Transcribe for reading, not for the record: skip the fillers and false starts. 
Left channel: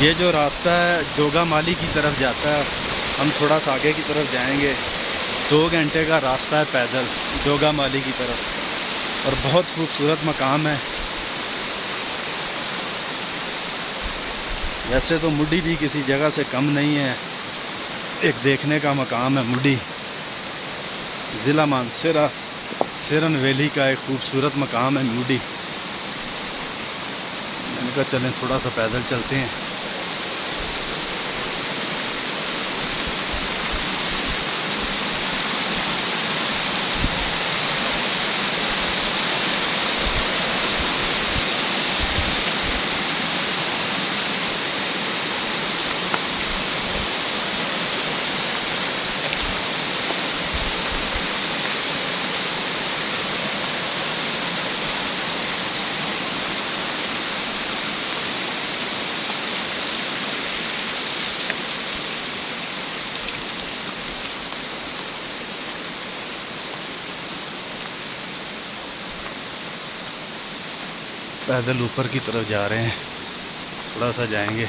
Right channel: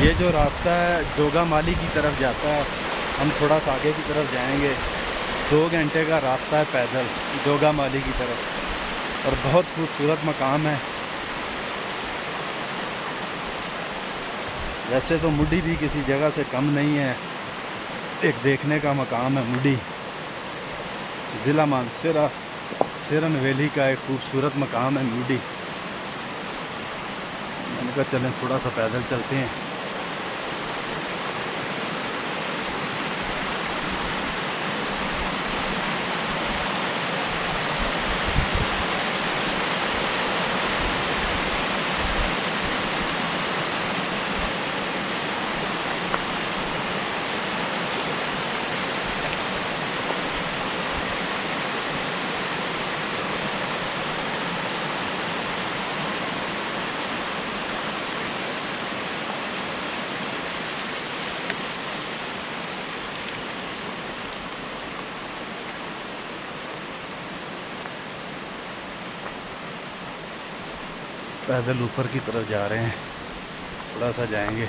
ये जो रास्ता है डोगा माली की तरफ जाता है। हम थोड़ा सा आगे की तरफ जाएंगे। 2 घंटे का रास्ता है पैदल डोगा माली की तरफ, और बहुत खूबसूरत मकाम है। वैसे तो मुड्डी भी किसी जगह से कम नहीं है। एक देखने का मकाम है मुड्डी, ज़िला मानसरा सिरन वैली का एक खूबसूरत मकाम है मुड्डी। मैंने कहा चलें थोड़ा सा पैदल चलते हैं। पैदल ऊपर की तरफ जा रहे हैं, थोड़ा सा जाएंगे।